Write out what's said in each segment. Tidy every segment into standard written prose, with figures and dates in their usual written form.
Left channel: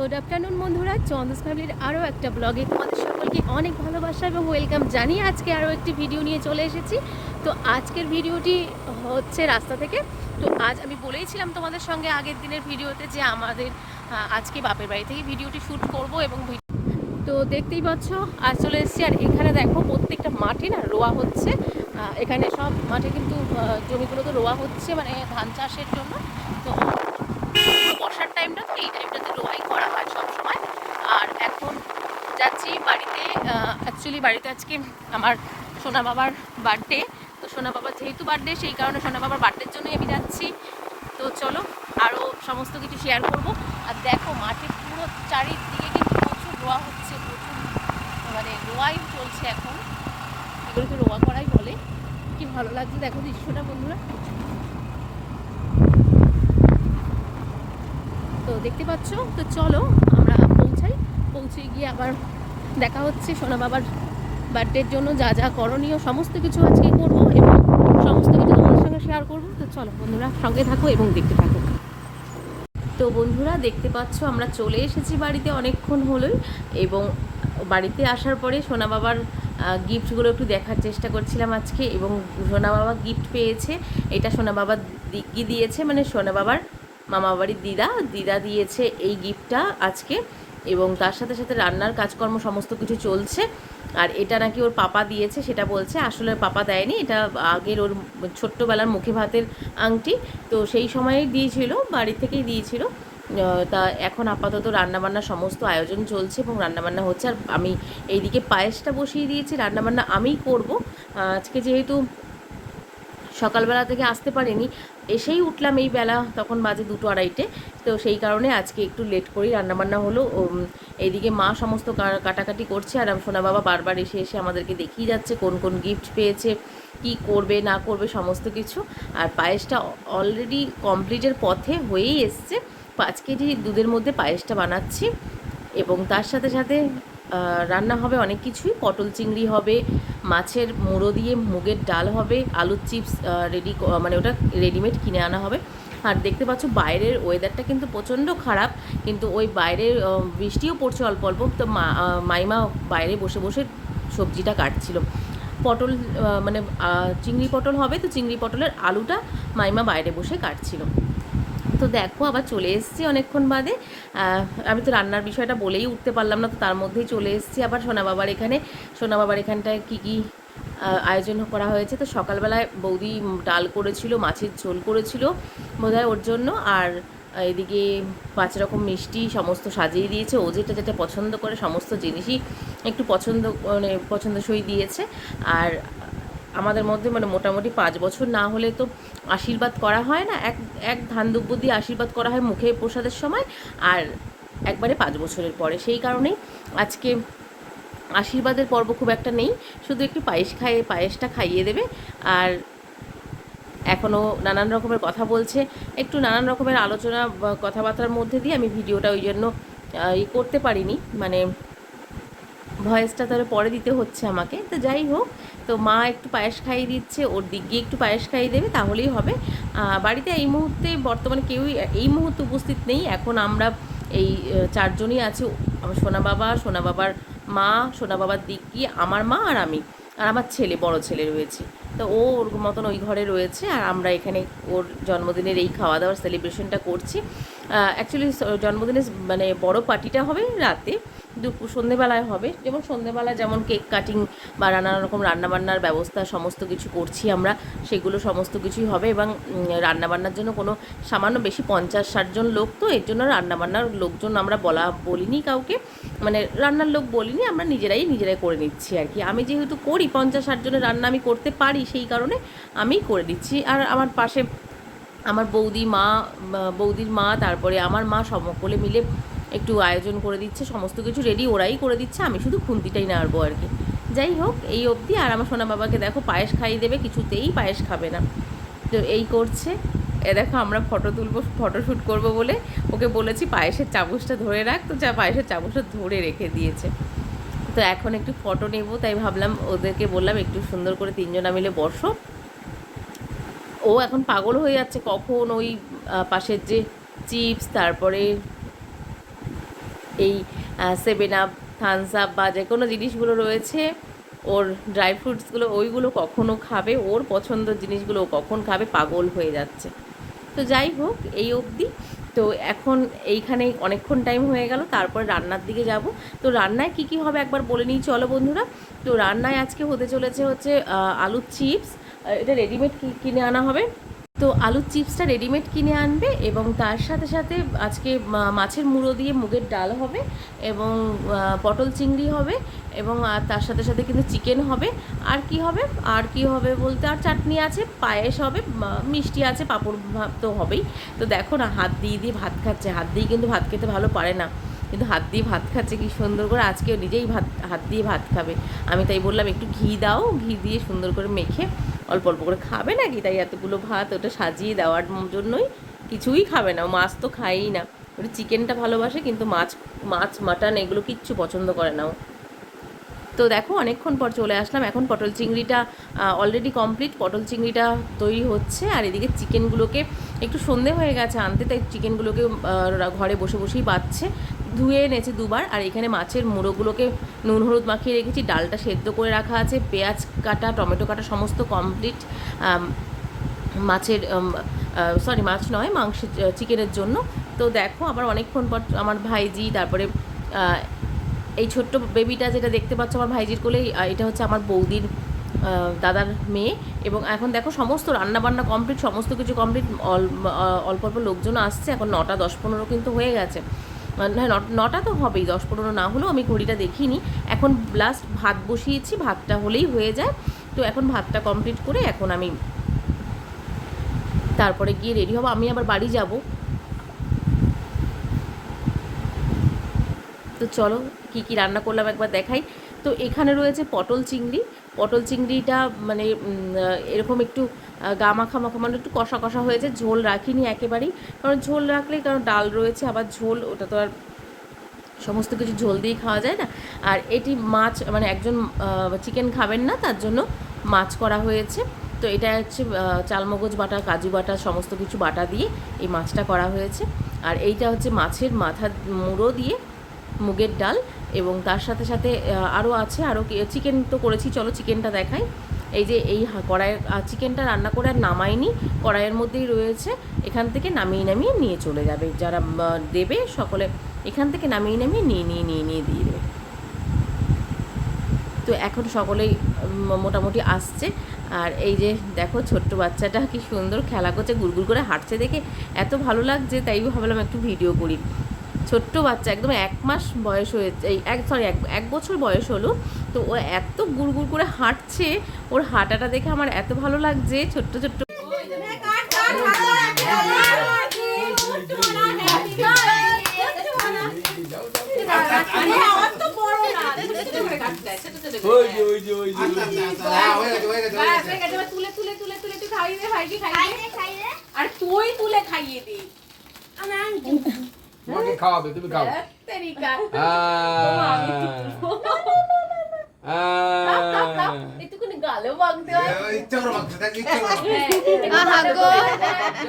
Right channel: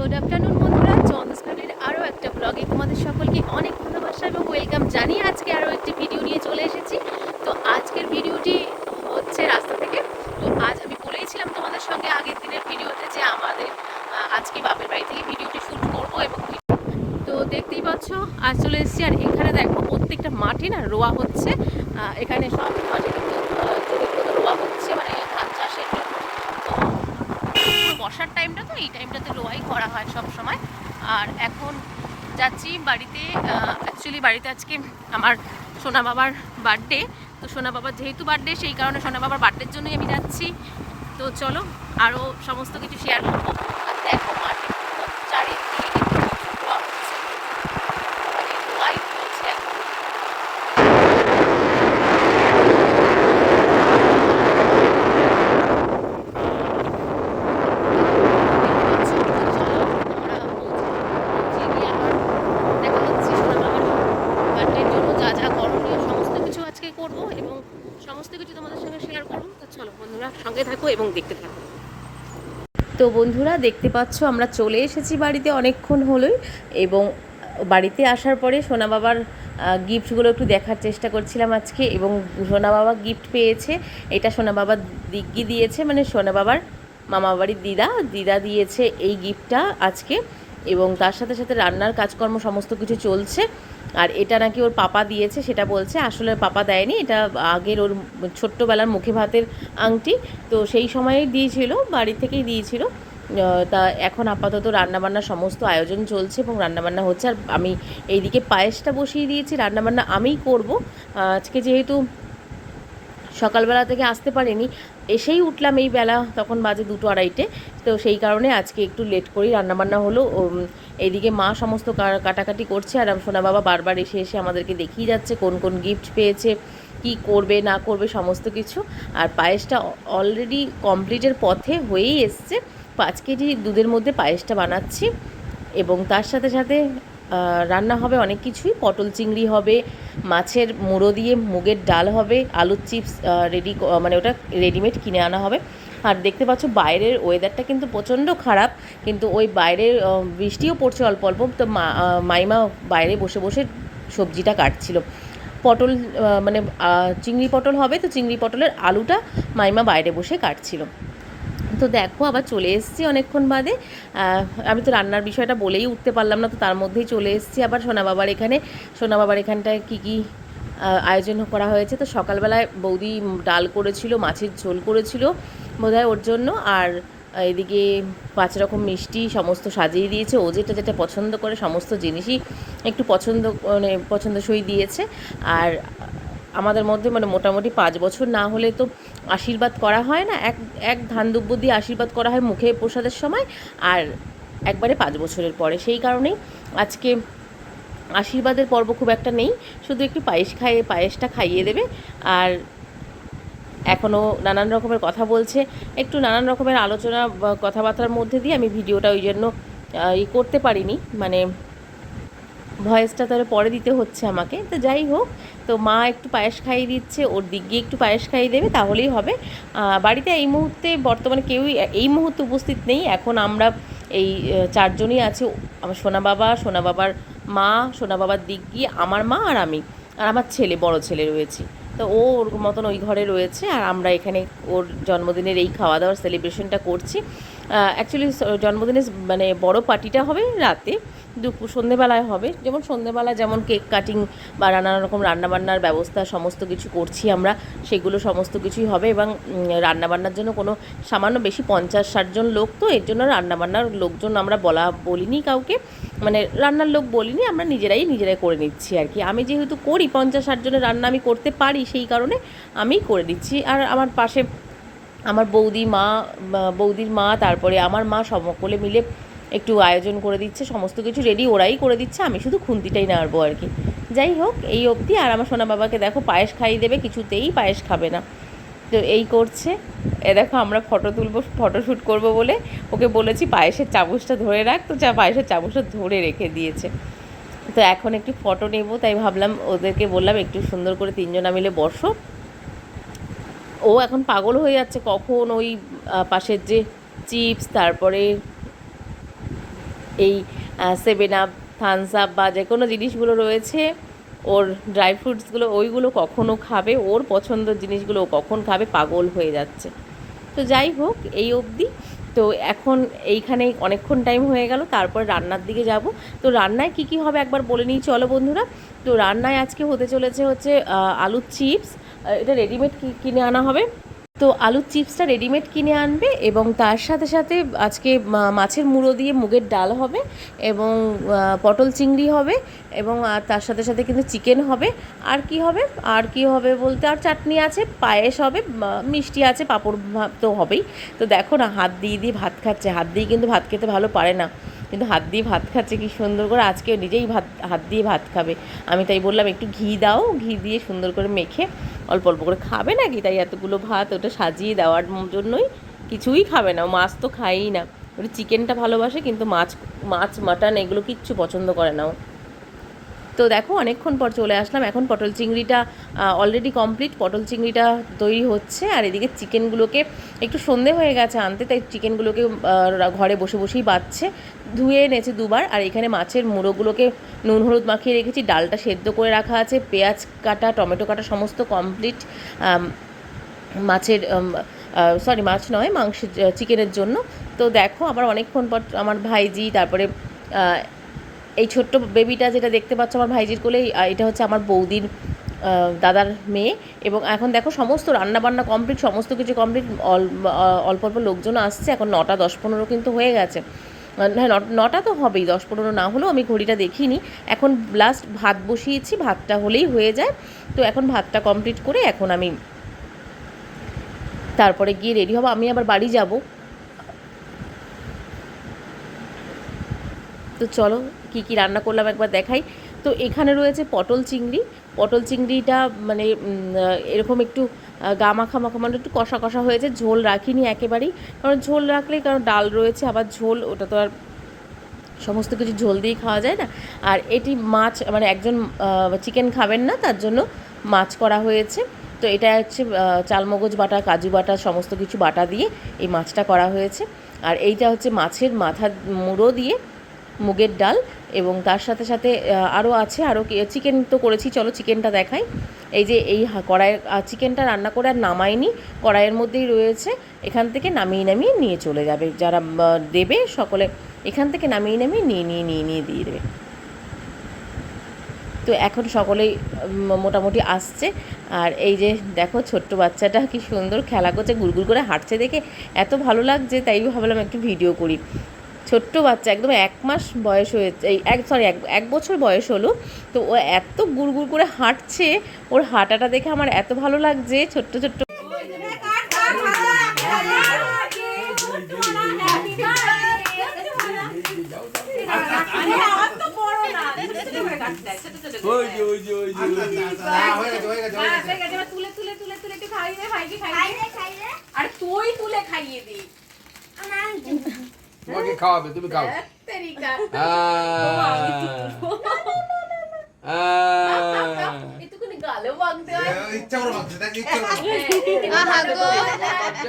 Good afternoon বন্ধুরা, চন্দস ফ্যামিলির আরও একটা ব্লগে তোমাদের সকলকে অনেক ভালোবাসা এবং ওয়েলকাম জানিয়ে আজকে আরও একটি ভিডিও নিয়ে চলে এসেছি। তো আজকের ভিডিওটি হচ্ছে রাস্তা থেকে। তো আজ আমি বলেইছিলাম তোমাদের সঙ্গে আগের দিনের ভিডিওতে যে আমাদের আজকে বাপের বাড়ি থেকে ভিডিওটি শ্যুট করব এবং তো দেখতেই পাচ্ছ আজ চলে এসেছি। আর এখানে দেখো প্রত্যেকটা মাঠে না রোয়া হচ্ছে। এখানে সব মাঠে কিন্তু জমিগুলো তো রোয়া হচ্ছে, মানে ধান চাষের জন্য। তো বর্ষার টাইমটা, তো এই টাইমটাতে রোয়াই করা হয় সব সময়। আর এখন যাচ্ছি বাড়িতে। অ্যাকচুয়ালি বাড়িতে আজকে আমার সোনা বাবার বার্থডে। তো সোনা বাবার যেহেতু বার্থডে, সেই কারণে সোনা বাবার বার্থডের জন্যই আমি যাচ্ছি। তো চলো আরও সমস্ত কিছু শেয়ার করবো। আর দেখো মাঠে পুরো চারিদিকে কিন্তু প্রচুর রোয়া হচ্ছে, মানে রোয়াই চলছে এখন। দেখতে পাচ্ছ। তো চলো আমরা পৌঁছে গিয়ে আবার দেখা হচ্ছে। সোনা বাবার বার্থডের জন্য যা যা করণীয় সমস্ত কিছু আজকে করবো এবং সমস্ত কিছু তোমাদের সঙ্গে শেয়ার করবো। তো চলো বন্ধুরা সঙ্গে থাকো এবং দেখতে থাকো। তো বন্ধুরা দেখতে পাচ্ছ আমরা চলে এসেছি বাড়িতে অনেকক্ষণ হলোই। এবং বাড়িতে আসার পরে সোনা বাবার গিফটগুলো একটু দেখার চেষ্টা করছিলাম আজকে। এবং সোনা বাবা গিফট পেয়েছে। এটা সোনা বাবার দিগ্গি দিয়েছে, মানে সোনা বাবার মামা বাড়ির দিদা দিয়েছে এই গিফটটা আজকে। এবং তার সাথে সাথে রান্নার কাজকর্ম সমস্ত কিছু চলছে। আর এটা নাকি ওর পাপা দিয়েছে, সেটা বলছে। আসলে পাপা দেয়নি, এটা আগের ওর ছোট্টবেলার মুখে ভাতের আংটি। তো সেই সময়েই দিয়েছিল, বাড়ি থেকেই দিয়েছিল। তা এখন আপাতত রান্নাবান্না সমস্ত আয়োজন চলছে এবং রান্নাবান্না হচ্ছে। আর আমি এইদিকে পায়েসটা বসিয়ে দিয়েছি, রান্নাবান্না আমিই করব। আজকে যেহেতু সকালবেলা থেকে আসতে পারিনি, এসেই উঠলাম এই বেলা, তখন বাজে 2-2:30। তো সেই কারণে আজকে একটু লেট করেই রান্নাবান্না হলো। এইদিকে মা সমস্ত কাটাকাটি করছে, আর সোনা বাবা বারবার এসে এসে আমাদেরকে দেখিয়ে যাচ্ছে কোন কোন গিফট পেয়েছে, কি করবে না করবে সমস্ত কিছু। আর পায়েসটা অলরেডি কমপ্লিটের পথে হয়েই এসছে। 5 কেজি দুধের মধ্যে পায়েসটা বানাচ্ছি। এবং তার সাথে সাথে রান্না হবে অনেক কিছুই। পটল চিংড়ি হবে, মাছের মুড়ো দিয়ে মুগের ডাল হবে, আলুর চিপস রেডি, মানে ওটা রেডিমেড কিনে আনা হবে। আর দেখতে পাচ্ছ বাইরের ওয়েদারটা কিন্তু প্রচণ্ড খারাপ, কিন্তু ওই বাইরের বৃষ্টিও পড়ছে অল্প অল্প। তো মাইমা বাইরে বসে বসে সবজিটা কাটছিল। পটল মানে চিংড়ি পটল হবে, তো চিংড়ি পটলের আলুটা মাইমা বাইরে বসে কাটছিল। তো দেখো আবার চলে এসেছি অনেকক্ষণ বাদে। আমি তো রান্নার বিষয়টা বলেই উঠতে পারলাম না, তো তার মধ্যেই চলে এসেছি আবার সোনা বাবার এখানে। সোনা বাবার এখানটায় কী কী আয়োজন করা হয়েছে। তো সকালবেলায় বৌদি ডাল করেছিল, মাছের ঝোল করেছিল বোধহয় ওর জন্য। আর এদিকে 5 রকম মিষ্টি সমস্ত সাজিয়ে দিয়েছে। ও যেটা যেটা পছন্দ করে সমস্ত জিনিসই একটু মানে পছন্দসই দিয়েছে। আর আমাদের মধ্যে মানে মোটামুটি 5 বছর না হলে তো আশীর্বাদ করা হয় না। এক ধান দুব্য দিয়ে আশীর্বাদ করা হয় মুখে প্রসাদের সময়, আর একবারে 5 বছরের পরে। সেই কারণেই আজকে আশীর্বাদের পর্ব খুব একটা নেই, শুধু একটু পায়েসটা খাইয়ে দেবে। আর এখনও নানান রকমের কথা বলছে, একটু নানান রকমের আলোচনা কথাবার্তার মধ্যে দিয়ে আমি ভিডিওটা ওই জন্য করতে পারিনি, মানে ভয়েসটা তাহলে পরে দিতে হচ্ছে আমাকে। তো যাই হোক, তো মা একটু পায়েস খাইয়ে দিচ্ছে, ওর দিক দিয়ে একটু পায়েস খাইয়ে দেবে, তাহলেই হবে। বাড়িতে এই মুহূর্তে বর্তমানে কেউই এই মুহূর্তে উপস্থিত নেই। এখন আমরা এই 4 জনই আছি। আমার সোনা বাবার মা, সোনা বাবার দিক দিয়ে আমার মা আর আমি, আর আমার বড় ছেলে রয়েছে। তো ও ওর মতন ওই ঘরে রয়েছে, আর আমরা এখানে ওর জন্মদিনের এই খাওয়া দাওয়ার সেলিব্রেশনটা করছি। অ্যাকচুয়ালি জন্মদিনের মানে বড় পার্টিটা হবে রাতে, সন্ধেবেলায় হবে। যেমন সন্ধেবেলা যেমন কেক কাটিং বা নানা রকম রান্নাবান্নার ব্যবস্থা সমস্ত কিছু করছি আমরা, সেগুলো সমস্ত কিছুই হবে। এবং রান্নাবান্নার জন্য কোনো সামান্য বেশি 50-60 জন লোক, তো এর জন্য রান্নাবান্নার লোকজন আমরা বলিনি কাউকে, মানে রান্নার লোক বলিনি, আমরা নিজেরাই করে নিচ্ছি আর কি। আমি যেহেতু করি 50-60 জনের রান্না আমি করতে পারি, সেই কারণে আমিই করে দিচ্ছি। আর আমার পাশে আমার বৌদির মা, তারপরে আমার মা সকলে মিলে একটু আয়োজন করে দিচ্ছে, সমস্ত কিছু রেডি ওরাই করে দিচ্ছে, আমি শুধু খুন্তিটাই নাড়বো আর কি। যাই হোক এই অবধি। আর আমার সোনা বাবাকে দেখো পায়েস খাইয়ে দেবে, কিছুতেই পায়েস খাবে না, তো এই করছে। দেখো আমরা ফটোশ্যুট করবো বলে ওকে বলেছি পায়েসের চামচটা ধরে রাখ, তো পায়েসের চামচটা ধরে রেখে দিয়েছে। তো এখন একটু ফটো নেব, তাই ভাবলাম ওদেরকে বললাম একটু সুন্দর করে 3 জনা মিলে বসো। ও এখন পাগল হয়ে যাচ্ছে, কখন ওই পাশের যে চিপস, তারপরে এই 7 আপ, থামস আপ বা যে কোনো জিনিসগুলো রয়েছে, ওর ড্রাই ফ্রুটসগুলো ওইগুলো কখনও খাবে, ওর পছন্দের জিনিসগুলো ও কখন খাবে, পাগল হয়ে যাচ্ছে। তো যাই হোক, এই অবধি। তো এখন এইখানেই অনেকক্ষণ টাইম হয়ে গেল, তারপর রান্নার দিকে যাব। তো রান্নায় কি কি হবে একবার বলে নিই চলো বন্ধুরা। তো রান্নায় আজকে হতে চলেছে হচ্ছে আলুর চিপস। এটা রেডিমেড কিনে আনা হবে। তো আলুর চিপসটা রেডিমেড কিনে আনবে, এবং তার সাথে সাথে আজকে মাছের মুড়ো দিয়ে মুগের ডাল হবে, এবং পটল চিংড়ি হবে, এবং আর তার সাথে সাথে কিন্তু চিকেন হবে। আর কি হবে, আর কি হবে বলতে, আর চাটনি আছে, পায়েস হবে, মিষ্টি আছে, পাঁপড় ভাত তো হবেই। তো দেখো না, হাত দিয়ে দিয়ে ভাত খাচ্ছে। হাত দিয়ে কিন্তু ভাত খেতে ভালো পারে না, কিন্তু হাত দিয়ে ভাত খাচ্ছে কি সুন্দর করে। আজকেও নিজেই হাত দিয়ে ভাত খাবে। আমি তাই বললাম একটু ঘি দাও, ঘি দিয়ে সুন্দর করে মেখে অল্প অল্প করে খাবে নাকি, তাই এতগুলো ভাত ওটা সাজিয়ে দেওয়ার জন্যই। কিছুই খাবে না, মাছ তো খায়ই না। ওটা চিকেনটা ভালোবাসে, কিন্তু মাছ মাটন এগুলো কিচ্ছু পছন্দ করে না ও। তো দেখো অনেকক্ষণ পর চলে আসলাম। এখন পটল চিংড়িটা অলরেডি কমপ্লিট, পটল চিংড়িটা তৈরি হচ্ছে। আর এদিকে চিকেনগুলোকে একটু সন্ধে হয়ে গেছে আনতে, তাই চিকেনগুলোকে ঘরে বসে বসেই বাচ্ছে। ধুয়ে এনেছে দুবার। আর এখানে মাছের মুড়োগুলোকে নুন হলুদ মাখিয়ে রেখেছি, ডালটা সেদ্ধ করে রাখা আছে, পেঁয়াজ কাটা, টমেটো কাটা সমস্ত কমপ্লিট মাছের সরি মাছ নয়, মাংসের চিকেনের জন্য। তো দেখো আবার অনেকক্ষণ পর আমার ভাইজি, তারপরে এই ছোট্ট বেবিটা যেটা দেখতে পাচ্ছ আমার ভাইজির কোলে, এটা হচ্ছে আমার বৌদির দাদার মেয়ে। এবং এখন দেখো সমস্ত রান্নাবান্না কমপ্লিট, সমস্ত কিছু কমপ্লিট। অল্প অল্প লোকজন আসছে, এখন 9টা 10-15 কিন্তু হয়ে গেছে। হ্যাঁ, 9টা তো হবেই, 10-15 না হলেও আমি ঘড়িটা দেখিনি। এখন লাস্ট ভাত বসিয়েছি, ভাতটা হলেই হয়ে যায়। তো এখন ভাতটা কমপ্লিট করে এখন আমি তারপরে গিয়ে রেডি হবো, আমি আবার বাড়ি যাব। তো চলো কী কী রান্না করলাম একবার দেখাই। তো এখানে রয়েছে পটল চিংড়ি। পটল চিংড়িটা মানে এরকম একটু গা মাখা মাখা, মানে একটু কষা কষা হয়েছে, ঝোল রাখিনি একেবারেই। কারণ ঝোল রাখলে, কারণ ডাল রয়েছে আবার ঝোল, ওটা তো আর সমস্ত কিছু ঝোল দিয়ে খাওয়া যায় না। আর এটি মাছ, মানে একজন চিকেন খাবেন না, তার জন্য মাছ করা হয়েছে। তো এটা হচ্ছে চালমগজ বাটা, কাজু বাটা, সমস্ত কিছু বাটা দিয়ে এই মাছটা করা হয়েছে। আর এইটা হচ্ছে মাছের মাথার মুড়ো দিয়ে মুগের ডাল, এবং তার সাথে সাথে আরও আছে, আরও চিকেন তো করেছি, চলো চিকেনটা দেখাই। এই যে এই কড়াইয়ের চিকেনটা রান্না করে আর নামাইনি, কড়াইয়ের মধ্যেই রয়েছে। এখান থেকে নামিয়ে নামিয়ে নিয়ে চলে যাবে, যারা দেবে সকলে এখান থেকে নামিয়ে নামিয়ে নিয়ে দিয়ে দেবে। তো এখন সকলেই মোটামুটি আসছে। আর এই যে দেখো ছোট্ট বাচ্চাটা কি সুন্দর খেলা করছে, গুড়গুড় করে হাঁটছে, দেখে এত ভালো লাগছে, তাই ভাবলাম একটু ভিডিও করি। ছোট্ট বাচ্চা, একদম 1 মাস বয়স হয়েছে, এই এক বছর বয়স হলো। তো ও এত গুড়গুড় করে হাঁটছে, ওর হাঁটাটা দেখে আমার এত ভালো লাগছে। ছোট্ট ছোট্ট আর তুই তুলে খাইয়ে দি, তোমাকে খাওয়াবে, তুমি খাও। একটুখানি গালেও মাখতে হয়, ইচ্ছা করে মাখতে থাকে, ইচ্ছা করে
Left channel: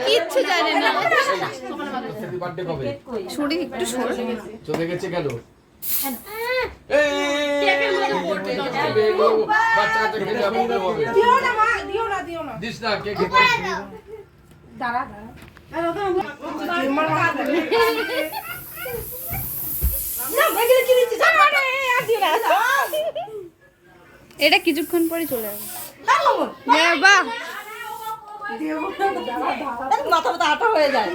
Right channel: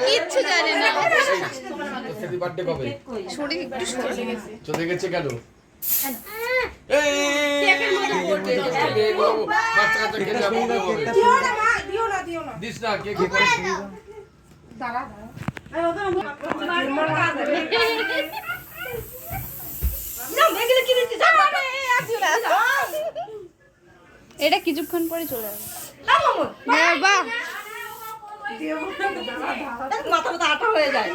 কিচ্ছু জানে না। বার্থডে কবে? শরীর একটু চলে গেছে কেন? দিস না কে কে এটা কিছুক্ষণ পরে চলে যাবে। মাথা মাথা আটা হয়ে যায়